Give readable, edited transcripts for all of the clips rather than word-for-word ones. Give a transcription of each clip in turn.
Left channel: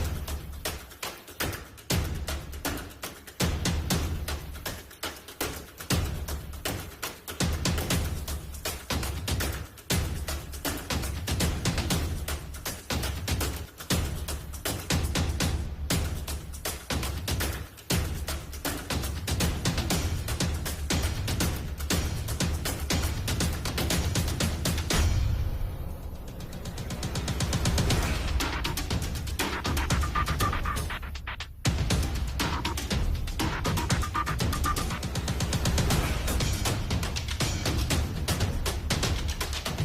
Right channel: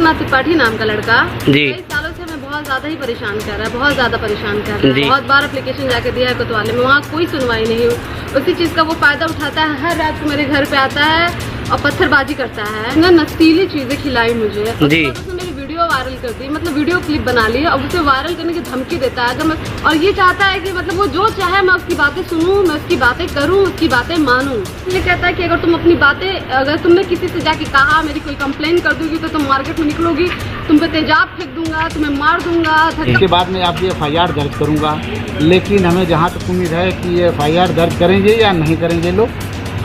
ना त्रिपाठी नाम का लड़का जी कई सालों से हमें बहुत ज्यादा ही परेशान कर रहा है, बहुत ज्यादा परेशान कर रहा है। बहुत बार एप्लीकेशन जाके दिया है कोतवाली में, वहाँ कोई सुनवाई नहीं हुई। उसी चीज का वो फायदा उठाता है, हर रात को मेरे घर पे आता है और पत्थरबाजी करता है ना, नशीली चीजें खिलाई मुझे जी। मेरी वीडियो वायरल कर दी, मतलब वीडियो क्लिप बना ली और उसे वायरल करने की धमकी देता है। अगर मैं और ये चाहता है कि मतलब वो जो चाहे मैं उसकी बातें सुनूं, मैं उसकी बातें करूं, उसकी बातें मानूं। ये कहता है कि अगर तुम अपनी बातें, अगर तुमने किसी से जाके कहा मेरी कोई कंप्लेन कर दूंगी तो तुम मार्केट में निकलोगी, तुम पे तेजाब फेंक दूंगा, तुम्हें मार दूंगा। इसके बाद में आप ये FIR दर्ज करूंगा, लेकिन हमें जहाँ तक उम्मीद है कि ये FIR दर्ज करेंगे या नहीं करेंगे लोग,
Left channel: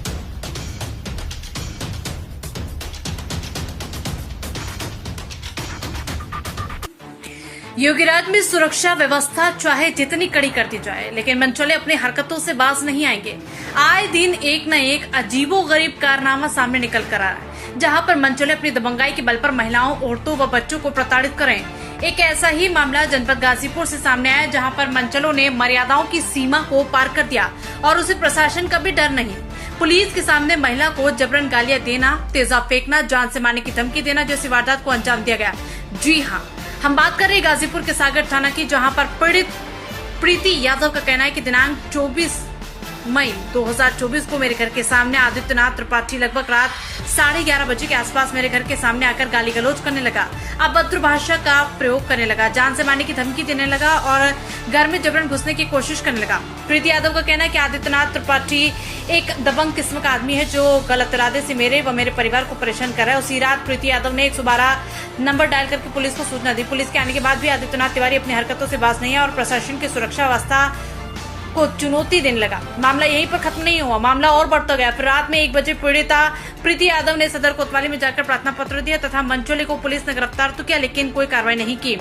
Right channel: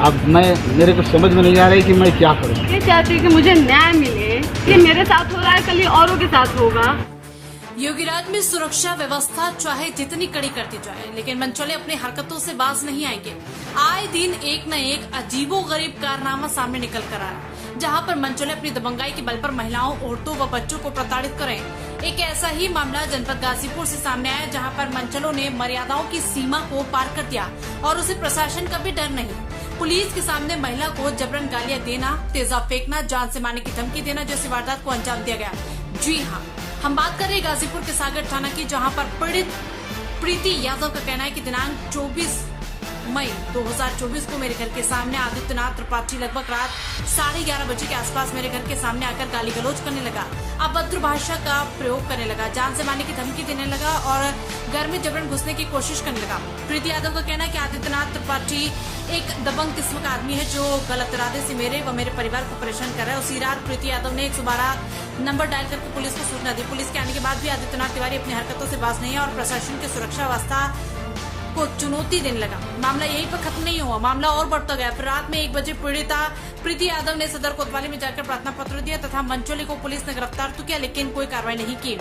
अब मेरे को समझ में नहीं आ रही कि मैं क्या करूँ। ये चाहती हूँ कि मुझे न्याय मिले, कि मेरे साथ हो रहा है कल ये औरों के साथ होगा। योगीराज में सुरक्षा व्यवस्था चाहे जितनी कड़ी कर दी जाए, लेकिन मनचले अपनी हरकतों से बाज नहीं आएंगे। आए दिन एक न एक अजीबोगरीब कारनामा सामने निकल कर आ रहा है, जहां पर मनचले अपनी दबंगाई के बल पर महिलाओं, औरतों व बच्चों को प्रताड़ित करें। एक ऐसा ही मामला जनपद गाजीपुर से सामने आया, जहां पर मनचलों ने मर्यादाओं की सीमा को पार कर दिया और उसे प्रशासन का भी डर नहीं। पुलिस के सामने महिला को जबरन गालियां देना, तेजाब फेंकना, जान से मारने की धमकी देना जैसी वारदात को अंजाम दिया गया। जी हाँ, हम बात कर रहे हैं गाजीपुर के सागर थाना की, जहां पर पीड़ित प्रीति यादव का कहना है कि दिनांक 24 मई 2024 को मेरे घर के सामने आदित्यनाथ त्रिपाठी लगभग रात 11:30 बजे के आसपास मेरे घर के सामने आकर गाली गलौज करने लगा, अभद्र भाषा का प्रयोग करने लगा, जान से मारने की धमकी देने लगा और घर में जबरन घुसने की कोशिश करने लगा। प्रीति यादव का कहना है कि आदित्यनाथ त्रिपाठी एक दबंग किस्म का आदमी है जो गलत इरादे से मेरे व मेरे परिवार को परेशान कर रहा है। उसी रात प्रीति यादव ने 112 नंबर डायल करके पुलिस को सूचना दी। पुलिस के आने के बाद भी आदित्यनाथ तिवारी अपनी हरकतों से बाज नहीं है और प्रशासन की सुरक्षा व्यवस्था को चुनौती देने लगा। मामला यहीं पर खत्म नहीं हुआ, मामला और बढ़ता गया। फिर रात में 1 बजे पीड़िता प्रीति यादव ने सदर कोतवाली में जाकर प्रार्थना पत्र दिया तथा मनचोले को पुलिस ने गिरफ्तार तो किया, लेकिन कोई कार्रवाई नहीं की।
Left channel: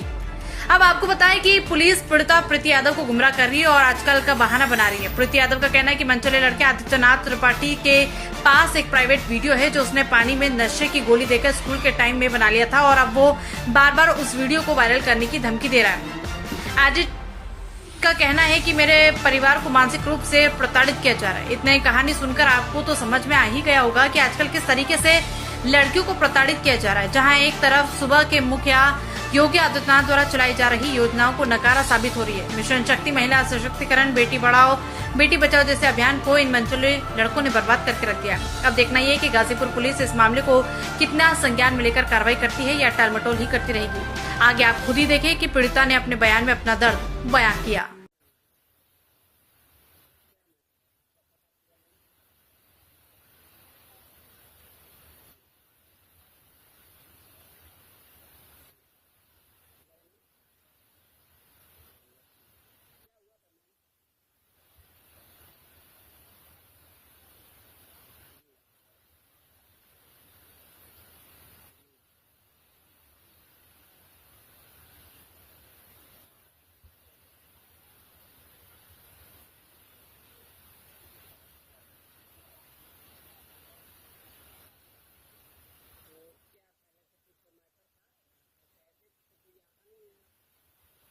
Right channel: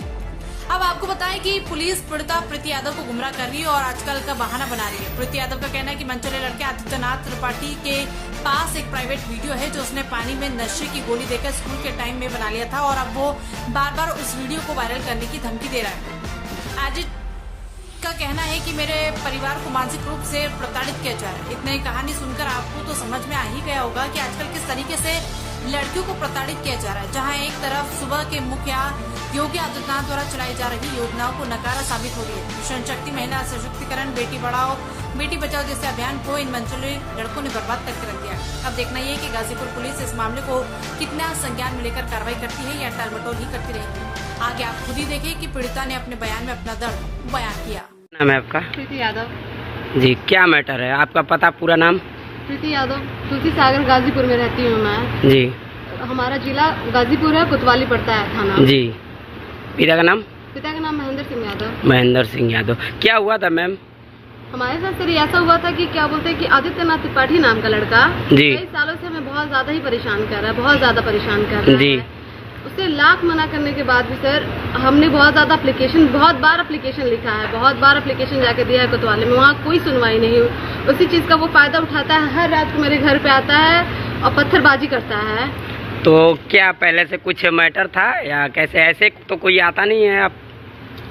अब आपको बताएं कि पुलिस पीड़िता प्रीति यादव को गुमराह कर रही है और आजकल का बहाना बना रही है। प्रीति यादव का कहना है कि मनचोले लड़के आदित्यनाथ त्रिपाठी के पास एक प्राइवेट वीडियो है जो उसने पानी में नशे की गोली देकर स्कूल के टाइम में बना लिया था और अब वो बार बार उस वीडियो को वायरल करने की धमकी दे रहा है। आज का कहना है कि मेरे परिवार को मानसिक रूप से प्रताड़ित किया जा रहा है। इतनी कहानी सुनकर आपको तो समझ में आ ही गया होगा कि आजकल किस तरीके से लड़कियों को प्रताड़ित किया जा रहा है। जहां एक तरफ सुबह के मुखिया योगी आदित्यनाथ द्वारा चलाई जा रही योजनाओं को नकारा साबित हो रही है। मिशन शक्ति, महिला सशक्तिकरण, बेटी पढ़ाओ बेटी बचाओ जैसे अभियान को इन मनचले लड़कों ने बर्बाद करके रख दिया। अब देखना ये कि गाजीपुर पुलिस इस मामले को कितना संज्ञान में लेकर कार्रवाई करती है या टालमटोल ही करती रहेगी। आगे आप खुद ही देखिए कि पीड़िता ने अपने बयान में अपना दर्द बयान किया। नाम है आपका? प्रीति यादव जी। क्या मैटर है? आपका पता, पूरा नाम? प्रीति यादव, तुलसी सागर गाजीपुर में रहती हूँ मैं जी। हमारा जिला गाजीपुर है, कोतवाली पड़ता है थाना जी। पिता का नाम? पिता का नाम महेंद्र सिंह यादव। महेंद्र सिंह यादव। क्या हुआ था मैम? हमारे साथ सर ऐसा हुआ था कि क्या बोलते हैं कि आदित्यनाथ त्रिपाठी नाम का लड़का जी कई सालों से हमें बहुत ज्यादा ही परेशान कर रहा है, बहुत ज्यादा परेशान कर रहा जी। है। उससे लाख मना करने के बाद भी सर हमने बहुत ज्यादा एप्लीकेशन, बहुत बार एप्लीकेशन लिखा है, बहुत बार एप्लीकेशन जाके दिया है कोतवाली में, वहाँ कोई सुनवाई नहीं हुई। उसी चीज का वो फायदा उठाता है, हर रात को मेरे घर पे आता है और पत्थरबाजी करता है। तो क्या पहले से कुछ मैटर था या कैसे? ऐसे तो कोई आता नहीं है। आप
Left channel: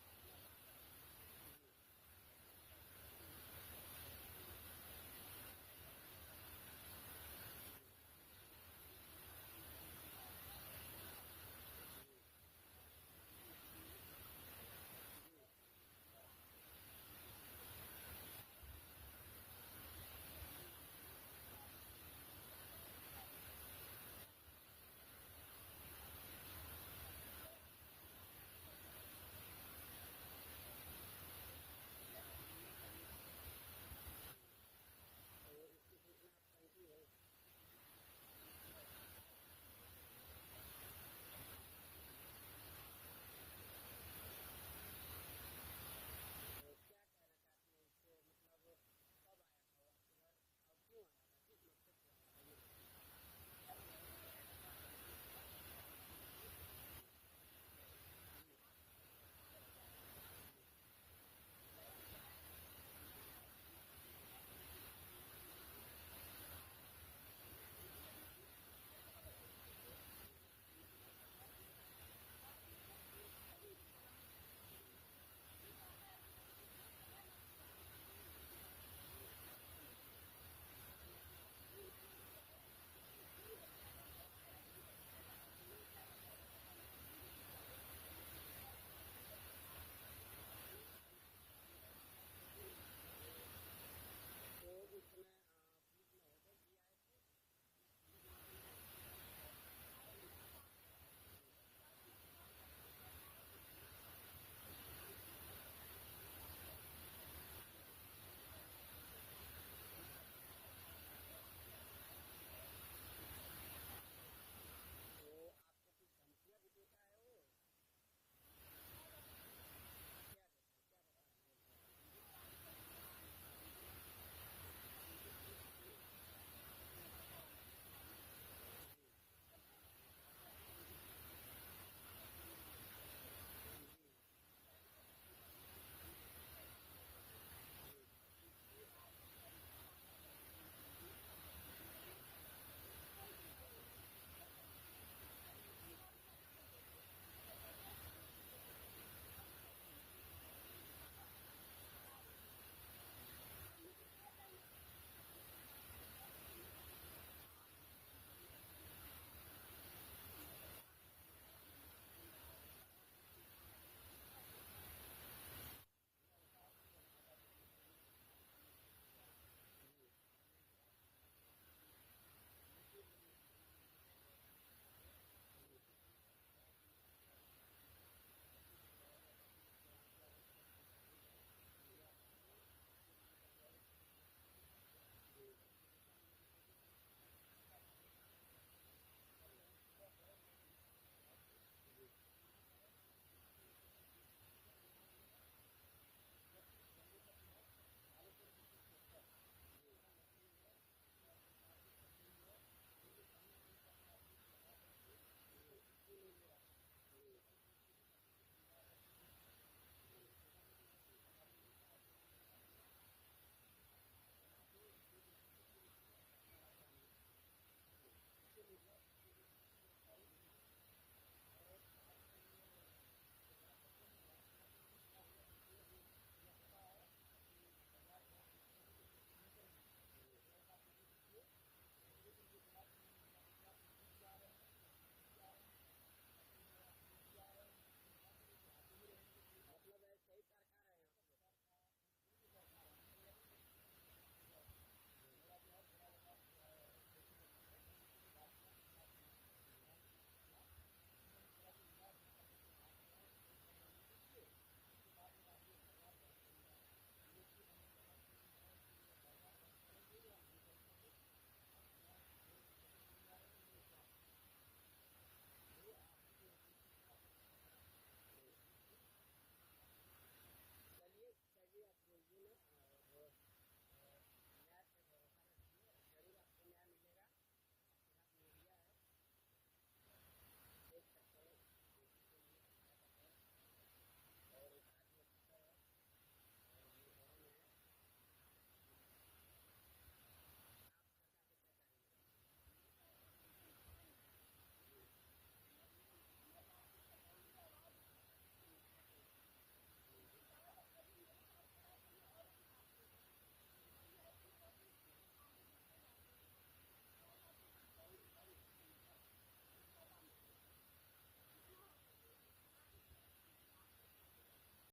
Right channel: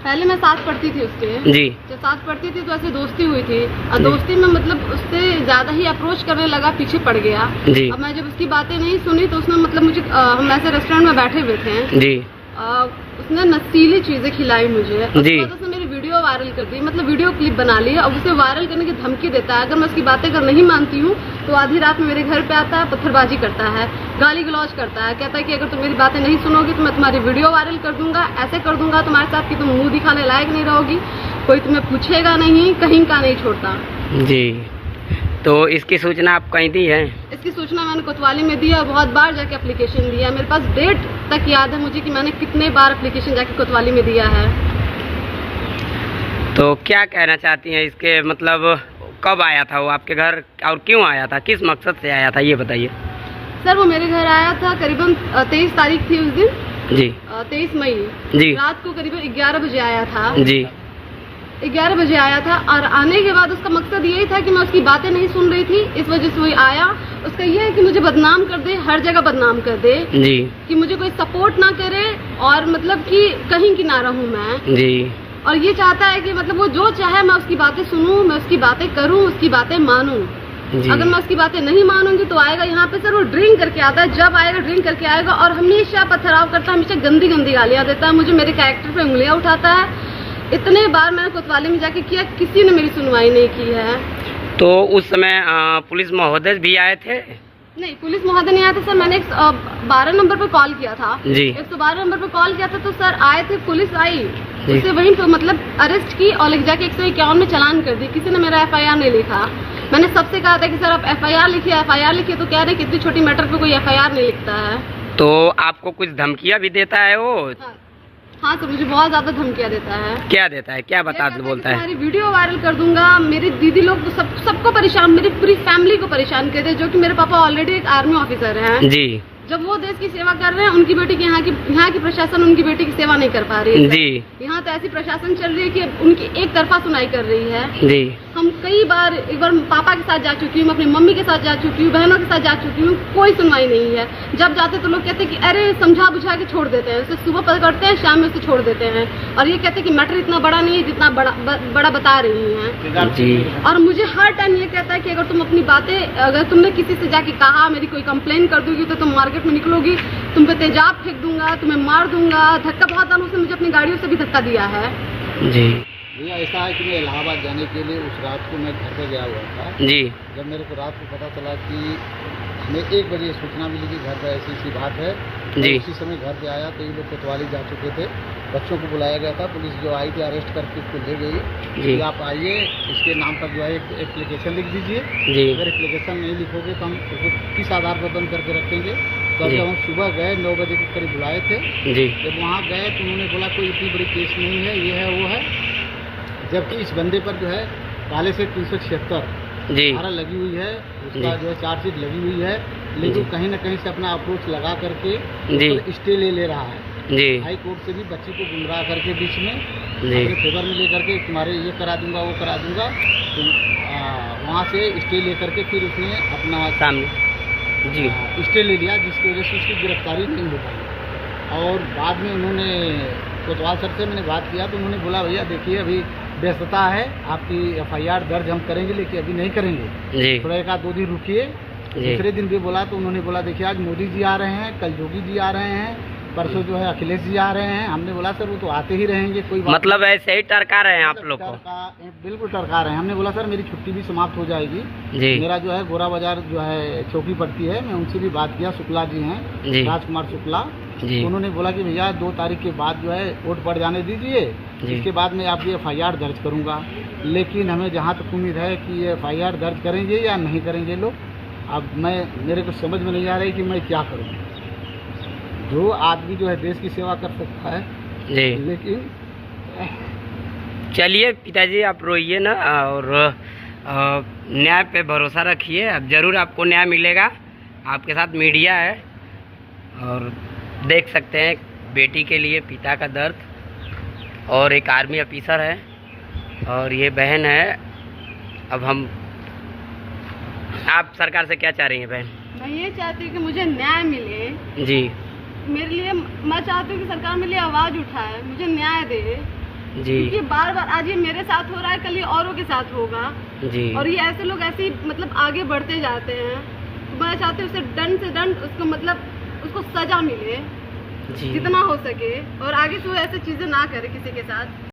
पहले मैं साथ पढ़ती थी उसके जी। जब साथ पढ़ती थी तो ऐसे दोस्ती हुई थी और दोस्ती में मतलब उससे ज्यादा ही अप्रोच करने लगा, पीछे पड़ गया जी। अब मैं जब उसकी बातें नहीं सुनी तो उसने मतलब मुझे, हम ऐसे रेस्टोरेंट में बैठे हुए थे जी, उसने नशीली चीजें खिलाई मुझे जी। उसने मेरी वीडियो वायरल कर दी, मतलब वीडियो क्लिप बना ली और उसे वायरल करने की धमकी देता है। अगर मैं उसकी बातें अगर नहीं मानती हूँ तो आधी रात में मेरे घर पे आता है, पत्थरबाजी करता है, गाली गलौज करता है, कहता है कि अगर तुम मेरी बातें नहीं सुनोगी तो मैं तुम्हारी वीडियो वायरल कर दूंगा, ऐसे कर दूंगा तुम्हारे साथ कि तुम मुंह दिखाने लायक नहीं रहोगी, कोई तुम्हें पूछेगा नहीं, कहीं का नहीं छोड़ता जी। तो इसकी सूचना आप कहीं दी है? इसकी सूचना मैंने कोतवाली में दी और बहुत बार जाके एप्लीकेशन दिया। मेरे पास डेट तक याद है मुझे कि मैंने कितने बार एप्लीकेशन जाके कोतवाली में दिया है। तो क्या कहना चाहती हैं इसके, मतलब कब आया था वो आपके घर और क्यों आया था, किस मकसद से आया था, ये बताइए। सर वो मेरे घर आया था करीबन 23 तारीख थी उस दिन जी, 23 मई जी, रात को करीबन 11 बजे आया था जी। 11 बजे आया था और आने के बाद उसका मकसद यही था कि मैं उसकी बातें नहीं सुन रही थी, इस वजह से वो आया। उसका ये है कि मुझे बदनाम कर दे, हर जगह बदनाम कर दे जी, कि मुझे कोई सपोर्ट ना करे और मतलब कि कहीं की ना रहूं मैं जी। और ये चाहता है कि मतलब वो जो चाहे मैं उसकी बातें सुनूं, मैं उसकी बातें करूं, उसकी बातें मानूं। अगर मैं उसकी बातें नहीं मानूंगी तो आएगा यहाँ पे सर, वो ड्रिंक करके आता है, जब आएगा ड्रिंक करके आएगा और हमेशा पथराव करता है, हमेशा गंदी गंदी गालियाँ देता है, मुझे मेरे कैरेक्टर पे उंगलियाँ उठाता है। इतने बार मैंने कोतवाली में जाके किया, किसी ने मेरी सुनवाई नहीं की है। तो उस समय पुलिस महोदय भी आए थे? नहीं, पुलिस महोदय नहीं आया था सर। मैंने 12 नंबर पर कॉल किया था जी। 112 नंबर पर कॉल किया था तो सर आए थे, पुलिस आई, उसे वहीं पर मतलब अरेस्ट की और लेके जाके 151 में चालान कर दी। किसी ने मेरा FIR नहीं लिखा। मैंने सबसे कहा था कि सर आप FIR लिखिए, तो कह रहे कि इतनी छोटी मैटर पे कोई FIR नहीं लिखता है। तो आपको कुछ धमकियाँ भी देता है वो? हाँ सर, मुझे बहुत ज्यादा धमकियाँ देता है। क्या देता है, क्या बोलता है? तुम्हारी वीडियो वायरल कर दूंगा, मेरी दीदी लोग तो सबको परेशान, मेरी पूरी फैमिली को परेशान कर दे, जो कि मेरे पापा ऑलरेडी एक आर्मी ऑफिसर हैं जी। जब वो देश की सेवा कर रहे हैं, उनकी बेटी की यहाँ की प्रशासन उनकी बेटी की सेवा नहीं कर पा रही है जी। यहाँ तो ऐसी प्रशासन चल रही है कि उनकी एक तरफा सुनाई कर रही है जी। हम कई बार, एक बार पापा के साथ जा चुकी हूँ, अपनी मम्मी के साथ जा चुकी हूँ, बहनों के साथ जा चुकी हूँ, कोई सुनवाई नहीं है। जब जाते तो लोग कहते हैं कि अरे समझा बुझा के छोड़ देते हैं, उसे सुबह पकड़ते हैं, शाम में उसे छोड़ देते हैं और ये कहते हैं कि मैटर इतना बड़ा नहीं है जितना बड़ा बता रही हैं जी। और मुझे हर टाइम ये कहता है कि अगर तुम अपनी बातें, अगर तुमने किसी से जाके कहा, मेरी कोई कंप्लेन कर दोगी तो तुम मार्केट में निकलोगी, तुम पे तेजाब फेंक दूंगा, तुम्हें मार दूंगा। धक्का बहुत बार उसने मुझे अपनी गाड़ियों से भी धक्का दिया है जी। भैया ऐसा है कि मैं इलाहाबाद जाने के लिए उस रात को मैं घर पे गया हुआ था जी। जब मेरे को रात को पता चला कि हमें 1 बजे सूचना मिली कि घर पे ऐसी बात है जी। उसी समय घर पे आया तो ये लोग कोतवाली जा चुके थे, बच्चों को बुलाया गया था, पुलिस जो आई थी अरेस्ट करके उसको ले गई कि आप आइए, इसके नाम पर जो है एक एप्लीकेशन लिख दीजिए। अगर एप्लीकेशन नहीं लिखोगे तो हम उसको किस आधार पर बंद करके रखेंगे। तो जब हम सुबह गए 9 बजे के करीब बुलाए थे जी। जब वहाँ गए तो उन्होंने बोला कोई इतनी बड़ी केस नहीं है, ये है वो है, जबकि इस बंदे पर जो है पहले से 376 धारा लगी हुई है, उसका जो है चार्जशीट लगी हुई है, लेकिन कहीं न कहीं से अपना अप्रोच लगा करके स्टे ले रहा है जी। हाई कोर्ट से भी बच्ची को गुमराह करके बीच में अपने फेवर में लेकर के तुम्हारे ये करा दूंगा वो करा दूंगा, तो वहाँ से स्टे ले करके फिर उसने अपना सामने जी स्टे ले लिया, जिसकी वजह से उसकी गिरफ्तारी नहीं हो पाई। और बाद में उन्होंने कोतवाल सर से मैंने बात किया तो उन्होंने बोला भैया देखिए अभी व्यस्तता है, आपकी FIR दर्ज हम करेंगे लेकिन अभी नहीं करेंगे, थोड़ा 1-2 दिन रुकिए। दूसरे दिन भी बोला तो उन्होंने बोला देखिए आज मोदी जी आ रहे हैं, कल योगी जी आ रहे हैं, परसों जो है अखिलेश जी आ रहे हैं। हमने बोला सर वो तो आते ही रहेंगे, कोई बात मतलब ऐसे ही टरका रहे हैं आप लोग को? बिल्कुल टरका रहे हैं। हमने बोला सर मेरी छुट्टी भी समाप्त हो जाएगी जी। मेरा जो है गोरा बाजार जो है चौकी पड़ती है, मैं उनसे भी बात किया, शुक्ला जी हैं, राजकुमार शुक्ला, तो उन्होंने बोला कि भैया 2 तारीख के बाद जो है वोट पड़ जाने दीजिए, इसके बाद मैं आपकी FIR दर्ज करूँगा। लेकिन हमें जहाँ तक उम्मीद है कि ये FIR दर्ज करेंगे या नहीं करेंगे लोग, अब मेरे को समझ में नहीं आ रही कि मैं क्या करूँ। जो आदमी जो है देश की सेवा कर सकता है जी, लेकिन चलिए पिताजी आप रोइए ना और न्याय पे भरोसा रखिए, अब जरूर आपको न्याय मिलेगा। आपके साथ मीडिया है और देख सकते हैं बेटी के लिए पिता का दर्द, और एक आर्मी ऑफिसर है और ये बहन है। अब हम, आप सरकार से क्या चाह रही हैं बहन? मैं ये चाहती हूँ कि मुझे न्याय मिले जी। मेरे लिए मैं चाहती हूँ कि सरकार मेरे लिए आवाज़ उठाए, मुझे न्याय दे जी। क्योंकि बार बार आज ये मेरे साथ हो रहा है, कल ये औरों के साथ होगा जी। और ये ऐसे लोग ऐसे मतलब आगे बढ़ते जाते हैं। तो मैं चाहती हूँ उसे दंड से दंड उसको मतलब उसको सजा मिले जी, जितना हो सके, और आगे से वो ऐसी चीज़ें ना करे किसी के साथ।